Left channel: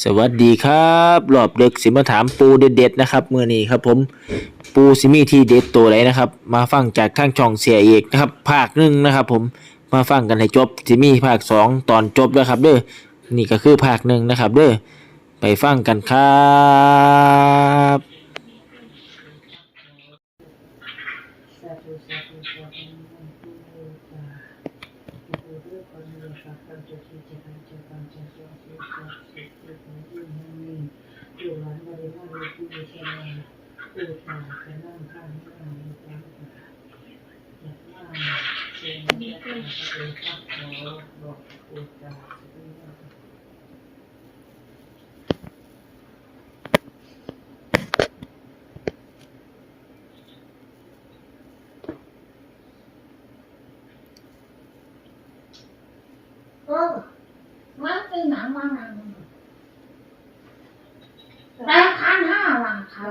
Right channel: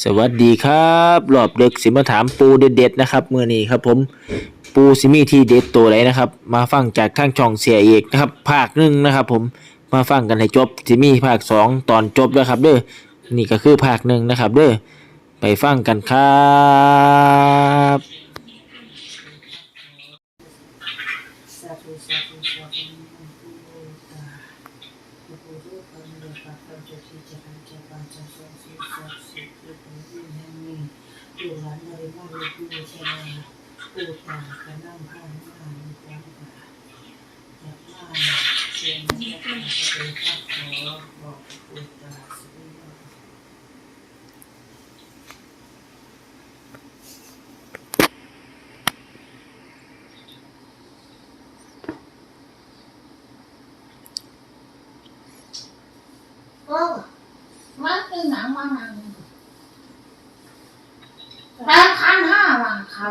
สวัสดีครับรอบดึกสิมาถามปูเด็ดๆนะครับเมื้อนี้ครับผมปูสิมีที่เด็ดตัวไหนนะครับ มาฟังจากข้างช่องเสียเอกนะครับ ภาคหนึ่งนะครับ ผมมาฟังกันให้จบสิมีภาคสองตอนจบแล้วครับ เด้อนี่ก็คือภาคหนึ่งนะครับ เด้อไปฟังกันครับสาธุสาธุสาธุ พุทโธปัญญาปัจจทิจหันจะปัญจสองสุสัพสุขุปุญิแห่งนี้ดูหลานบริมาลูกผู้ชายปูตากระนั่งพาหน้าอยู่กลางป่าอยากมาเชียงนี้ก็เป็นข้าขอบอกปูตาสุริยา เออมันเป็นหนังมันหนังแต่พันห้าวันเขา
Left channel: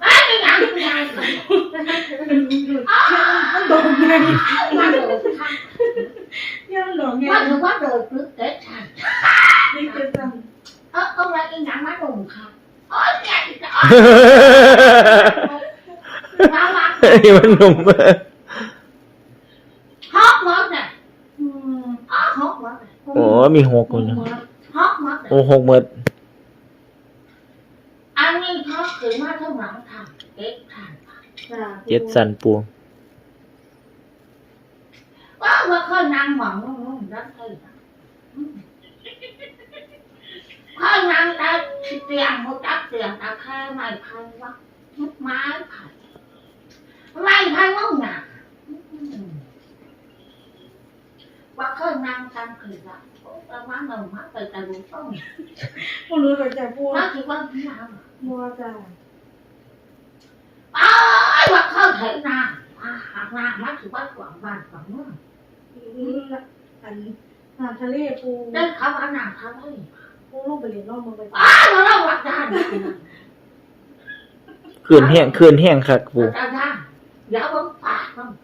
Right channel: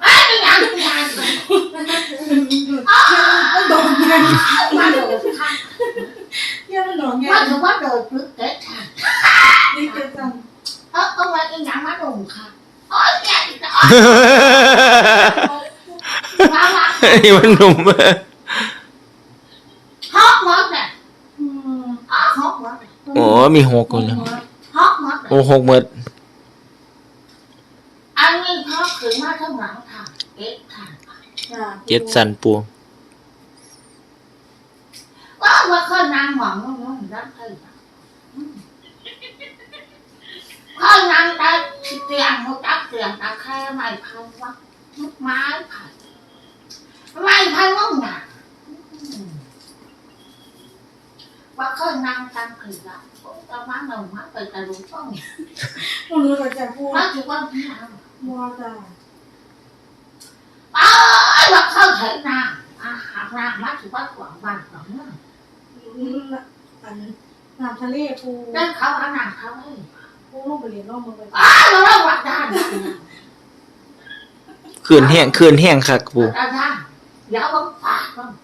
ไม่เป็นหนังทุกอย่างเลยมันโดนไงมันโดนทันยังหลงไงมันถือว่าโดนพึกเด็ดทันนี่คือจังเออเอาไว้เป็นหนังมันโดนค่ะโอ้ยแย่จังว้าวว้าวเฮ้ยมันหนุ่ม ฮอกหมดเลยอืมอ๋อฮอกหมด เลยโอ้มีหกคนนะฮอกหมดเลยโอ้หกหมดอันนี้ฮอกถึงมาทั้งหลังทางเด็ดทันเจ็ดสันปูว่าว่าเขานางหมองงงรักเธอเขานางได้เตียงหัวจักเตียงตาแค่ไม่พันวะไม้พันไม่พันว่าหนา ว่าเขานางตังคือละก็มาหนึ่งมาไปตะลุต้องผู้รู้ตัวจะพูดมาถือว่าพี่นางมัวจ้าอ้ายว่าเขาเถนางอาหารนางมาถือว่าหวังบ้านหวังเมืองอันน้ำทะเลปูเดินเขาเอานางเขาเลยปูลงไปเรียนนอกเมืองไปอ้ายเราหวังได้คืนแห้งคืนแห้งคักปูอาจารย์เดี๋ยวผมฝากมึงว่า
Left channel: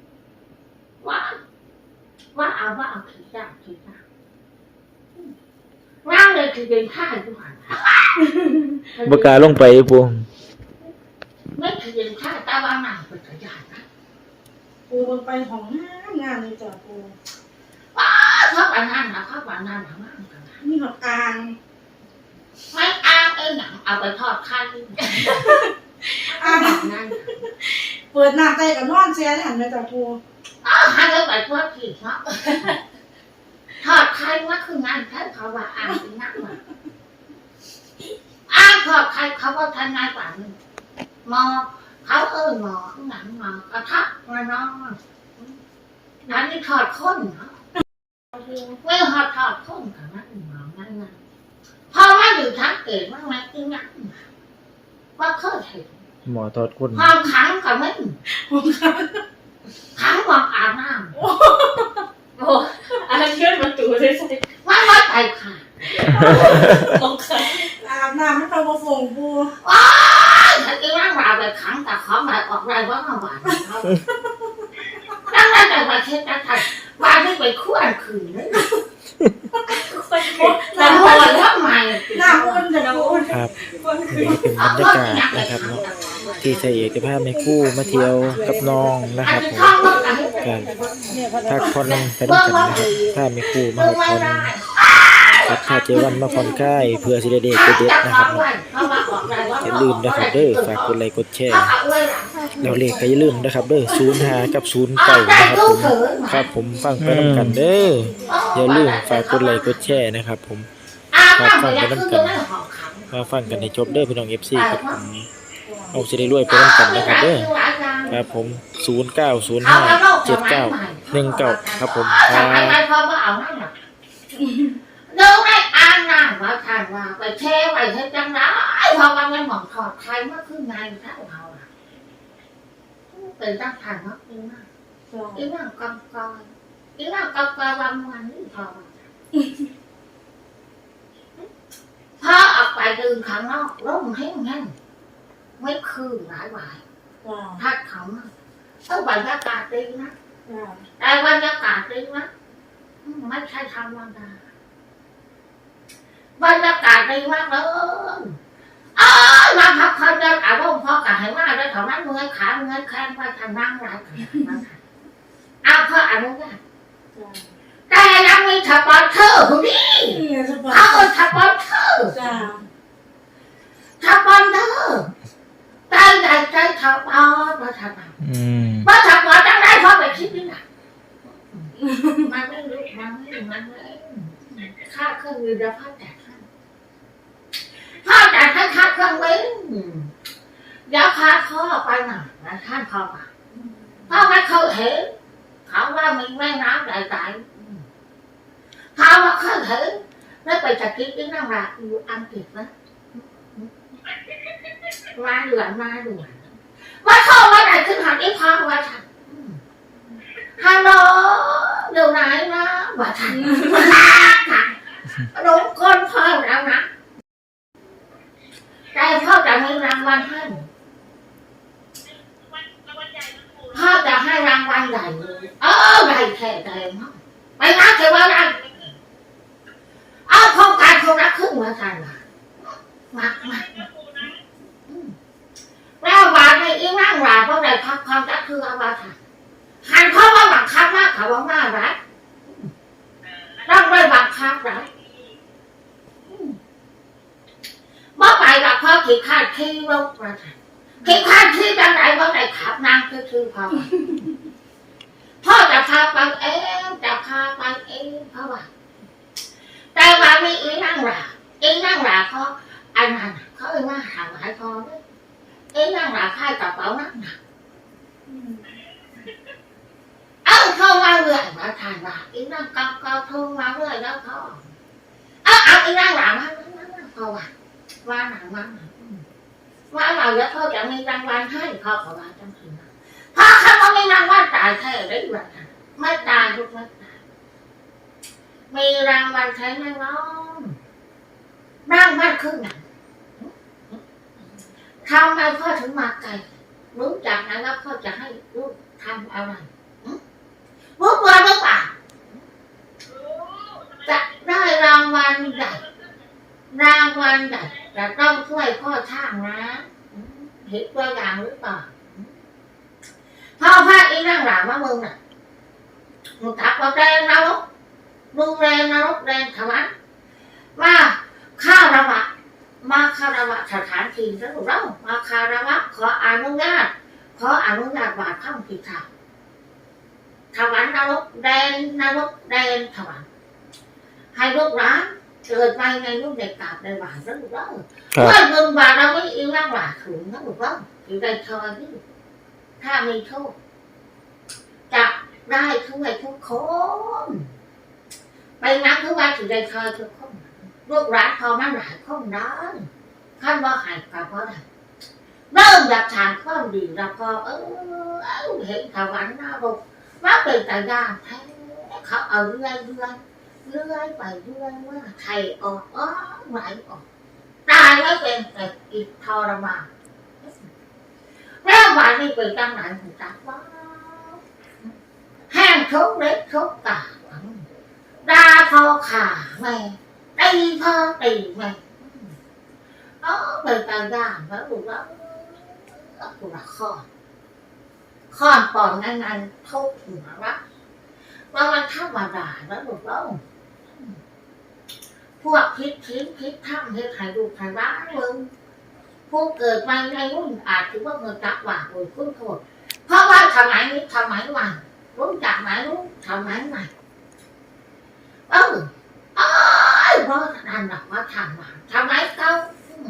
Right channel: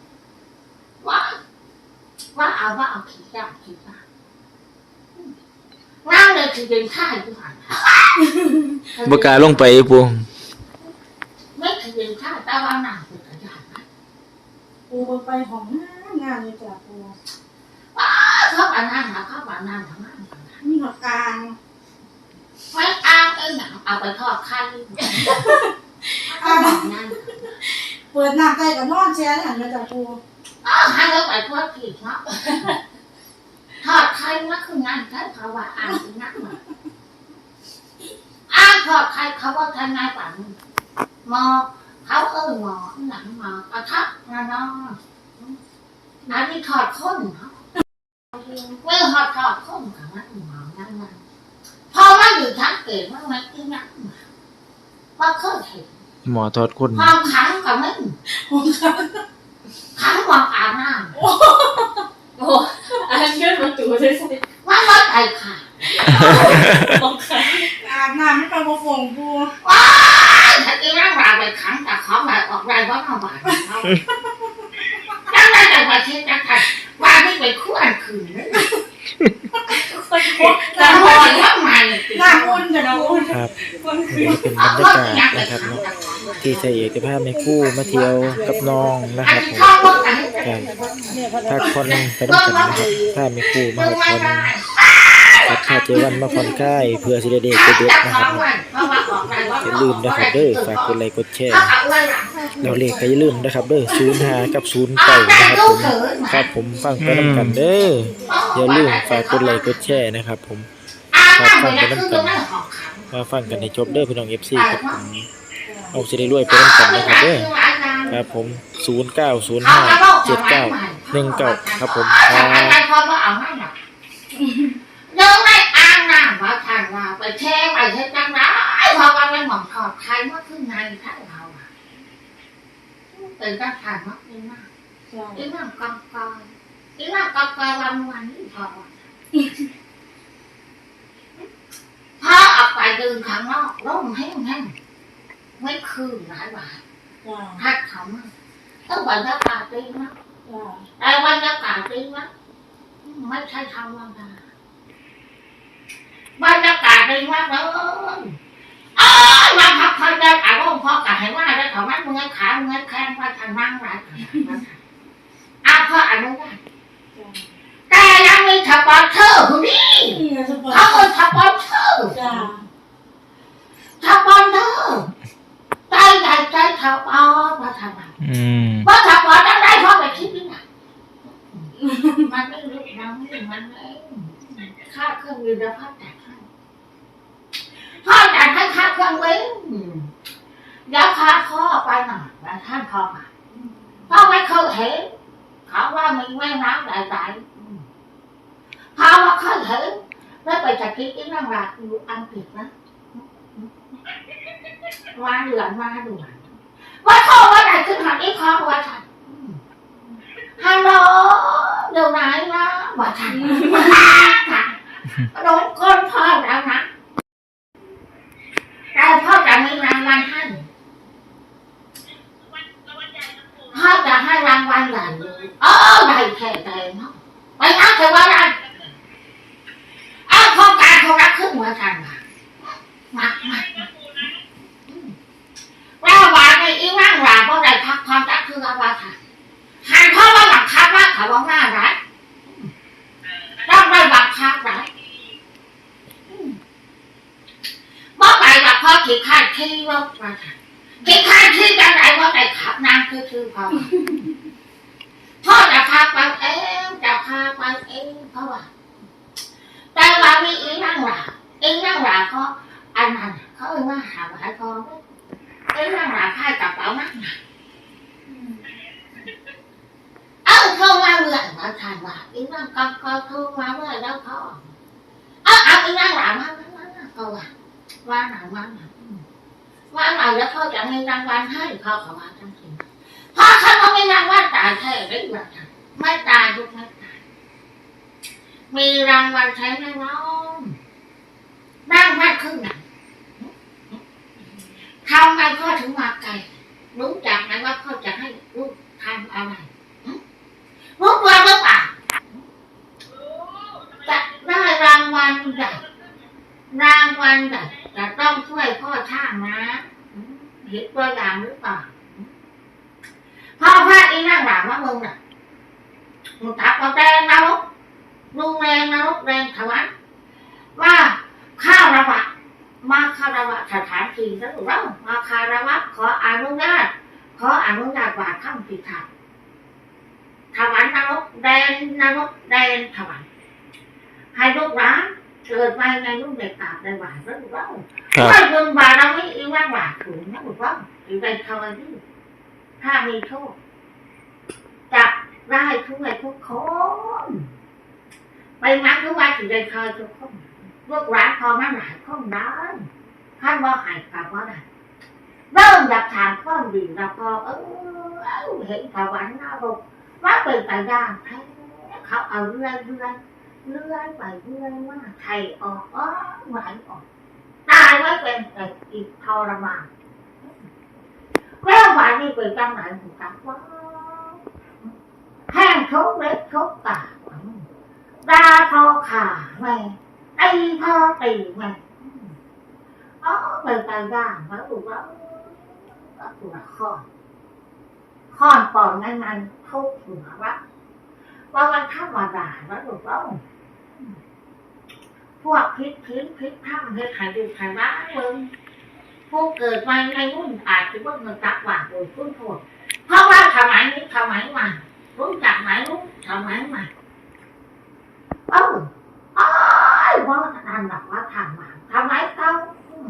ว่าเอาว่าเอาขี้ได้ขี้ได้นั่งเลยคือเป็นท่าอยู่หันบกล้าลงไปปูไม่คือเป็นท่าตาว่านั่งเป็นกระยานนะปูมันไปของงานงานนี่จ้ะปูเขาว่านั่นนะเขาว่านั่นนะนั่นนะมีหอกกลางไม่อ้างเอ้ยหนังเอาไปทอดข้าวด้วยอ้างนั่นเปิดน้ำใต้กับนอนแช่หันมาจ้ะปู อ้าวให้เขาไปทอดผิดเนาะทอดไข่ว่าคือนั่นใช่เขาว่าอ้างเป็นนักมาอ้างทอดไข่เขาว่าทนายป่านนี้หมอเขาเอ้ยหมอหนังหมอกระทับมาน้องอันนี้ทอดข้นเนาะไม่ทอดทอดข้นกับนักหมอนั่นนั่นพอว่าอยู่ชั้นเกิดว่ามันคือนักว่าเคยเห็นหมอทอดคนความขังกับมึง ขังวางอาบน้โอ้อันนั้นยื่นประตูได้สิำว่าว่าไปค่ะลงค่ะอาบน้ำไม่ไปบ่ฟงปูว้ายถ้ากินร่างเราไปขังแต่ของแบบออกไรว่าน้องบาดเขาดังนั้นแต่ว่าเช็ดจังทันว่าไม่ไปคู่อันคืนเลย คนพูดแต่น้ำว่ามันทำไมน้ำอุ่นจ้ะปูครับนี่ก็เป็นบรรยากาศนะครับเนาะที่เสียเอกจะพในคู่มาเที่ยวกับน้องนะครับผมการพักผ่อนไปด้วยกันนะครับถ้ามีคู่มาพักผ่อนกับถ้าเจวันมาผ่อนคลายเพื่อสิได้เด็กเด็ดนะครับเนาะอย่าลืมนะครับเด้อฝากกดไลค์กดแชร์แล้วเลขก็อย่าลืมนะครับเด้อ05กับ09นะครับผมครับผมฟังไปนํกันเด้อ อย่าลืมฝากกดไลค์กดแชร์นะครับ ผมมาฟังกันน้ำกันมาฟังกันให้จบเด้อพี่น้อง FC ครับผมเอาสิได้รวยไปนํกันนะครับเด้อครับผม 09057919 ครับผมครับดูได้อ่านน้ำว่าท่านว่าไปเทไปเทจังไรเพราะว่าไม่หมองขอบใครเมื่อคืนในท่านเราอะเป็นตั้งทานมากจริงมากจ้ะอีนั่งกองกอง ยอีนั่งกองกอยวันวันพอพอออกไปเดินข้างนอกร่มแห้งแห้งไม่คืนหลายวันจ้ะพัดเขามาเออบรรยากาศดีนะจ้ะแต่บรรยากาศดีนะไม่ใช่ธรรมดาบรรยากาศดีมากเลยเอ้ยมาพักผ่อนได้อารมณ์พอกับให้ว่าได้เท่านั้นเมือยขาเมือยแข้งว่าทางนั่งไรอาพ่ออนุญาต แต่ยังมีสปอนเซอร์คนนี้เนี่ยสบาเขายเออสปอนเซอร์จ้าสปอนเซอร์ใจใหญ่ใจสปอนว่าทำไมอืมว่าสปอนจะได้เพราะไปคิดนี่นะมันไม่รู้มันไม่มันไม่ค่าเครื่องยืนแล้วพ่อจ่ายให้พ่อจ่ายให้ค่าเครื่องบินเดี๋ยวพาพ่อไปหน่อยแล้วท่านพ่อมาพ่อไม่เคยเห็น เขาว่ามีแม่น้ำใหญ่ๆเขาว่าเคยเห็นแล้วไปจัดกินที่นั่งรักอยู่อังกฤษนะมาดือนมาดือนว่าพ่อว่าไหนขึ้นหาที่พ่อว่าฉันฮัลโหลเดี๋ยวไหนนะว่าฉันโดนคนพ่อแล้วนะแต่พ่อจะมีรางวัลให้พ่อจะให้รางวัลใหญ่เลยเออใหญ่แค่ใหญ่เนาะไปนับเถอะว่าได้เอาโครงการเขารักขึ้นหัวฉันมา มามาแล้ววานในอีนั่งหลาเพราะไรพักความรักคือว่าว่าค่ะหันเขาว่าหลักคับว่าเขาว่าหน้ารักต้องได้บังคับรักเมื่อไปว่าพ่อขี่ข้าขี่รถมาค่ะขี่ข้าขี่กันไหนว่าไหนขับนางคือคือพ่อพ่อจะพาไปเองจะพาไปเองเพราะว่าแต่ว่ามีอีนั่งหลาอีนั่งหลาเขา อันนั้นเขาเรียกว่าหาหมายพอไหมอีนั่งหลาค่ายกระเป๋านักหนาเอ้าเข้ามาเรื่อยมาทานว่าอีนั่งก็ก็ทุ่งมาเรื่อยแล้วเขาเอาเอาอีนั่งหลามามามามาเขาว่าว่าหนังว่าหนังว่าหนังแล้วเขาจะมีรางวัลให้เขาเขาว่าจังทีเพราะเขาไม่มีรางวัลตายแท้ได้แบบไม่ตายทุกไม่ตายมีรางวัลใช้ไหมน้องนั่งมากขึ้นไหน ทำไมพ่อถึงมาไกลรู้จักไหมว่าพ่อจะให้ลูกทำอะไรรู้ตัวหรือเปล่าจะได้รางวัลใหญ่รางวัลใหญ่จะต้องช่วยพ่อช่างนะเห็นตัวอย่างหรือเปล่าพ่อพระอีนั่งหลังว่ามึงน่ะมึงทักว่าแต่เราดูแลนรกแรงถวันว่าข้าวระวะ มาคารวะสถานที่แล้วเรามาคารวะขออนุญาตขออนุญาตบาดข้ามปีถาถวันนรกแดนนรกแดนถวันให้ลูกร้านเกิดมาในลูกเด็กกราบในหวานแล้วลูกเราครับว่าเงินบาทเราไม่อิ่มร่างหวานสูงนะลูกเราอยู่ในทอยนี่ถ้ามีโชคจะได้ทุกในทุกคนไปนักทุกวันถึงได้เคยทุกคน ลูกหลานพอมันหลายคนได้นท่านว่าหายกับว่าได้เริ่มอยากทานข้าวดีแล้วก็เออเห็นถวันหน้าบอกว่าเป็นแต่ย่างแท้เขาเอาเรื่อยเรื่อยเรื่อยไปเรื่อยว่าไทยออกอ๋อไหลออกตายไม่เป็นแต่อีกทรมานแล้ววันนี้เป็นจังไหนหูจักว่าแห้งทุกเล็กทุกตาดาพอขาแม่ ตีพ่อตีแม่เออเป็นตาย่างแล้วดูว่าดูว่าข้อข้อนปอนงั้นงั้นทุกหัวว่าว่ามันธรรมดาแล้วดูว่าพวกพิษพิษพิษถ้ำเฮ็ดใหายดูใหายบ้านมึงผู้เกิดมาในรุ่นอาจถือว่าเงินตักหวานโดยคุ้นโทษเพราะว่าสมัยนี้สมัยใหม่รู้จักไหมรู้สมัยใหม่เออ ว่านั่นหรอกว่าทำมาทำไมเขา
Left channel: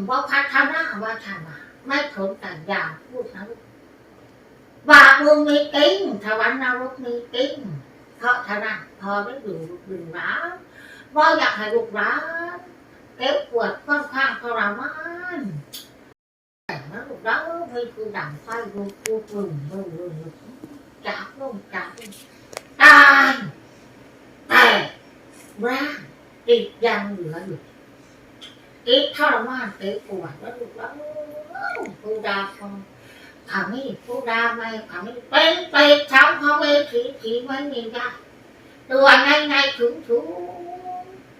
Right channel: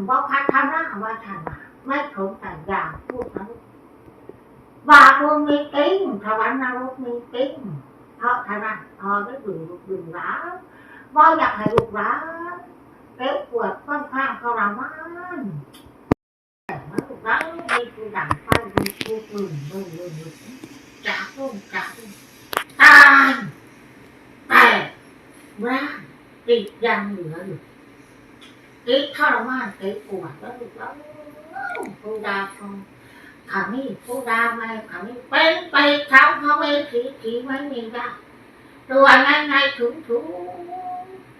ว่าพัฒนาว่าทำมาไม่ทนแต่ยาวพูดนะว่ามึงมีกิ้งทวันนรกมีกิ้งเพราะฉะนั้นพอได้ดึงดึงร้าว่าอยากให้ลูกร้าเก็บปวดค่อนข้างทรมานแต่ว่าลูกร้านมีคือดังไฟกลุกลุกลุกลุกลุกจากลงจากตายแต่ร่าง ติดยังเหลืออยู่ติดทรมานติดปวดแล้วลูกแล้วผู้ดาคงขามีผู้ดาไม่ขามีเป็นไปทำเขาไม่ผีผีไม่มีได้ตัวในในถุงถุง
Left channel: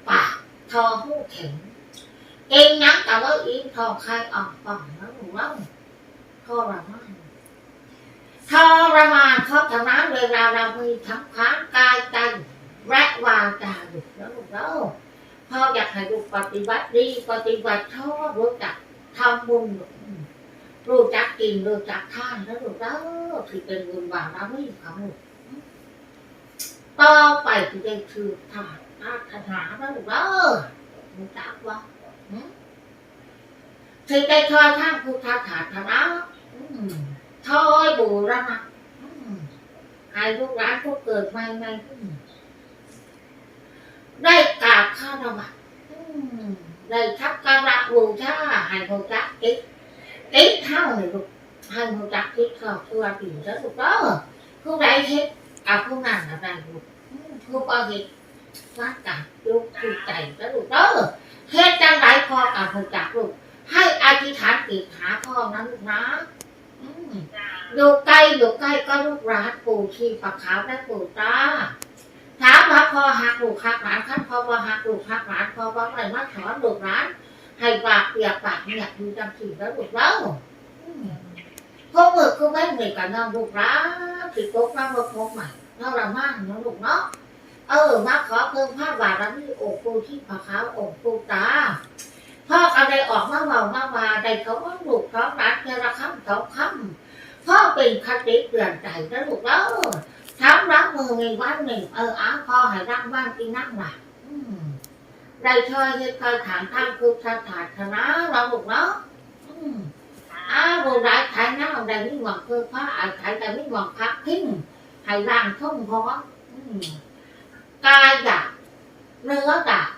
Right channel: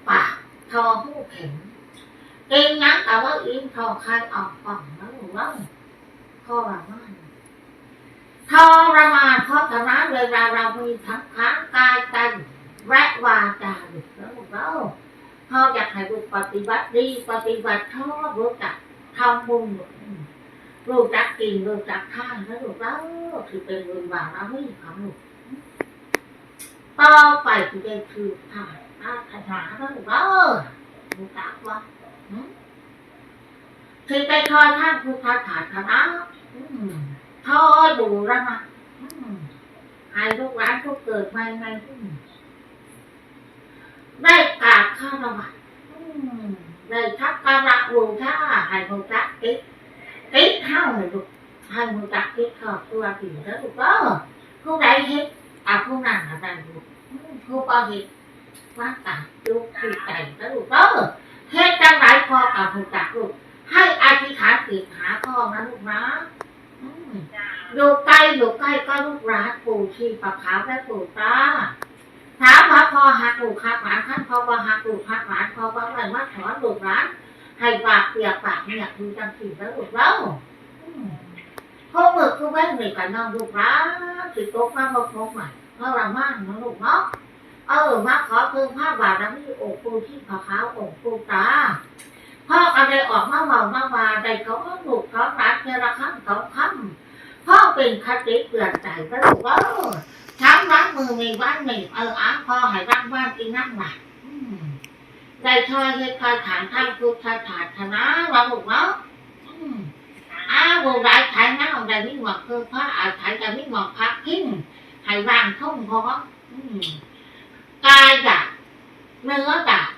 ปากทอหูแข็งเก่งนักแต่ว่าอิ่มทอใครออกป่องแล้วหนูว่าทรมานทรมานเพราะฉะนั้นเวลาเรามีทั้งค้างกายใจ และวาจาอยู่แล้วหนูว่าพ่ออยากให้ลูกปฏิบัติดีปฏิบัติชอบรู้จักทำบุญรู้จักกินรู้จักทานแล้วหนูว่าถือเป็นบุญบาปแล้วไม่ของหนูต่อไปที่ได้ถือทานอาถนาแล้วหนูว่าหนูจักว่า thì cây thoi thang phu tha thả thả đó thôi bù ra mà hai lúc rán phúc cười may may ได้กราบข้าระบาดได้ทักการะบูชาให้หูจักติ๊กติ๊กเท่าเลยลูกให้หูจักติ๊กขอบตัวถึงแล้วลูกเออผู้ใดเฮ็ดเอาผู้นั้นอะไรลูกผู้บ่เฮ็ดว่ากับลูกคือใจแล้วลูกเออเฮ็ดจังไรพอกับหูจักลูกให้อธิษฐานติดหาพ่อนะลูกนะอืมอยู่ใกล้อยู่ใกล้ก็ลูกรักปู่ชีปะขาวและปู่ตา ถามว่าพ่อหักลูกหักหลานท่านพ่อว่าหักลูกหักหลานพ่อว่าอะไรมาสอนลูกหลานให้ปากเปียกปากเนี่ยดูจังสีแล้วลูกแล้วอืมพวกมือคือแม่เหนื่อยกันน้องลูกรักสิโกกมาบอกพกใหม่เราละมากนะลูกเนาะเออมาขอเพิ่มผ้าบาทแล้วมีองค์ปู่ชีปะขาวองปูตาพ่ออะไรออกมาเมามาวาใดเขาก็ลูกเขารักเจระคำเขาคำพ่อเป็นคติเปลี่ยนใจแล้วลูกเออ ทำรักมือมีบ้านหนึ่งเอออ้าพ่อให้รักบ้านกินนั่งหลัอืมได้ช่วยให้คอยฐานทางพุทธศาสนาเราลูกเนาะอืมอ้าวบุได้ไทยนะเอาได้ไม่หวังคือพระอาไทยแต่ไม่หวังพักทิ้งให้ร่างทุ่งพออืมกายอยากเนื้อดัก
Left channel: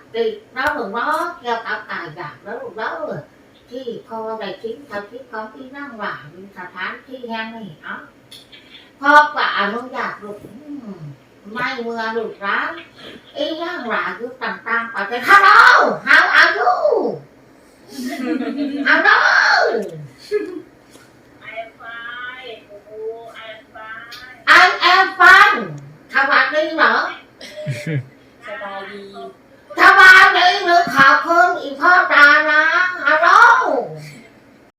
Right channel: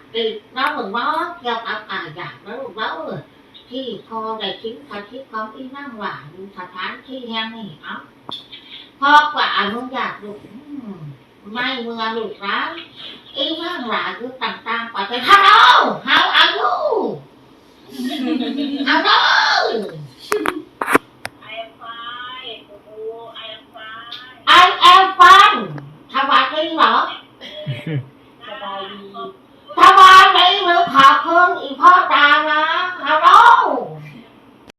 ติด nó đừng nó theo tạo tài giả đó lúc đó rồi thì kho đại chính thật chứ có ý năng quả nhưng thật thán khi hen này áo kho quả muốn giả lục may mưa lục rá ý năng quả cứ tầm tăng quả thấy hello how are you hello I am fine. Oh, I am fine. I am fine สวัสดีเหรอสบายดีสบายดีหรือขอบคุณอีพ่อ